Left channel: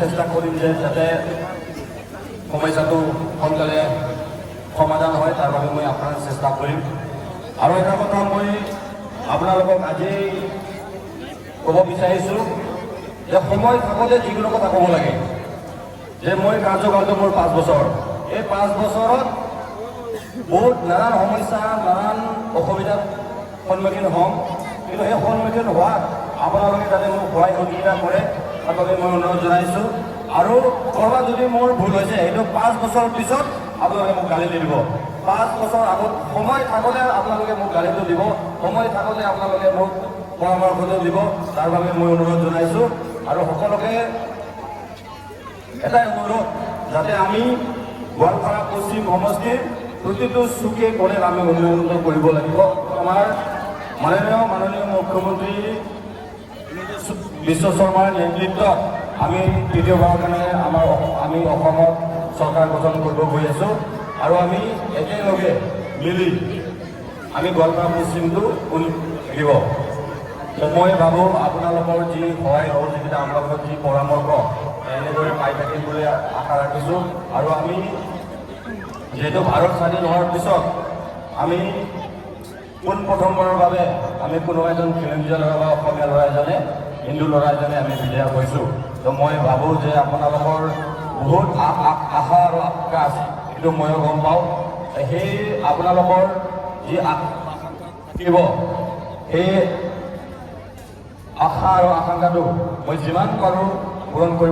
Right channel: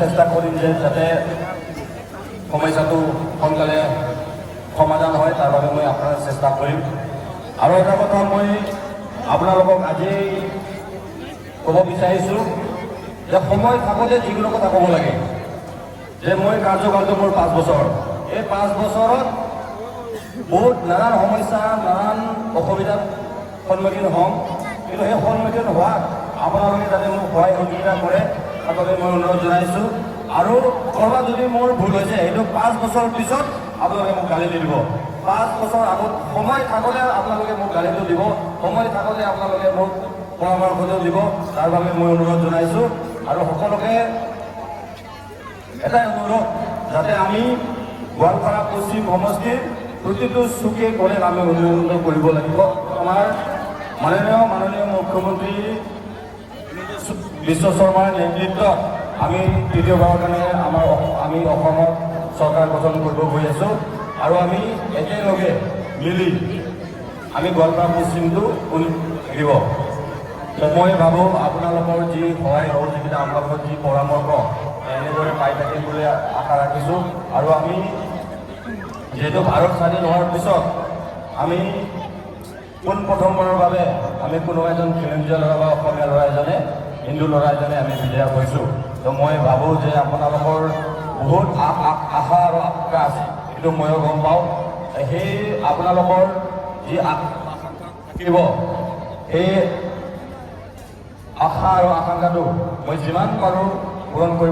চেষ্টা কৰিম যে যাতে সমস্যাটো সোনকালে সমাধান হয় তাৰ বাবে মই আপোনাৰ চেষ্টা কৰিম। আৰু এটা কথা মই আপোনালোকক আজি ক'ব বিচাৰিছোঁ যে সময় থাকোঁতে যিকোনো কথা ক'ব লাগে। যে মই কাৰ্যকালটো মোৰ 5 বছৰ, এই 5 বছৰত বহুত নানান সমস্যা নানান অসুবিধাৰ সন্মুখীন হ'ম, কিন্তু সেই সন্মুখীন হোৱাত আপোনালোকে যাতে মোক সহায় সহযোগিতা কৰে তাৰ বাবে মই অনুৰোধ জনাইছোঁ। আৰু ক'ৰবাত যদি মোৰ ভুল হৈছে সেইটো 5 বছৰৰ পিছত আপোনালোকে মোক গালি দিব। 5 বছৰ আগত সময় থাকোঁতে আপোনালোকে মোক গালিটো দিব, সময় থাকোঁতে আপোনালোকে মোক পৰামৰ্শটো দিব, তাৰ বাবে মই অনুৰোধ জনাইছোঁ। আৰু সকলোকে এটাই অনুৰোধ যাতে আমি গোৱালপাৰা পশ্চিম সমষ্টিৰ প্ৰতিটো চুকে গ'লে আমি উন্নয়ন কৰিব লাগিব। আমাৰ মাননীয় মুখ্যমন্ত্ৰী বিশ্ব শৰ্মাৰ নেতৃত্বত আমি তৃতীয়বাৰৰ কাৰণে আমি অসমত চৰকাৰ গঠন কৰিব গৈ আছোঁ আৰু আমি একেলগে মিলি আমি গোৱালপাৰা পশ্চিমটো লাগিব। মই ভাবোঁ আপোনালোকৰ যি সহায় সহযোগিতা আপোনালোকৰ যি পৰামৰ্শ এনেদৰে পাই থাকিম বুলি আশা ৰাখিছোঁ। আৰু আমি যিহেতু ভাৰত স্বাধীন হোৱাৰ পিছত আমি পোনপ্ৰথমবাৰৰ বাবে আমি কোনোবা এজন খিলঞ্জীয়া ল'ৰা বা অসমীয়া ল'ৰা এজনে হিন্দু ল'ৰা এজনে আমি বিজয়া হৈছোঁ। তো মই ভাবোঁ যে আপোনালোকৰ বহুত আশা আৰু আকাংক্ষা আছে, সেইটো ময়ো গম পাওঁ। সেই আপোনালোকৰ যি আকাংক্ষা থাকিব সেই আশা আৰু আকাংক্ষাটো মই যিমান পাৰোঁ পূৰণ কৰিব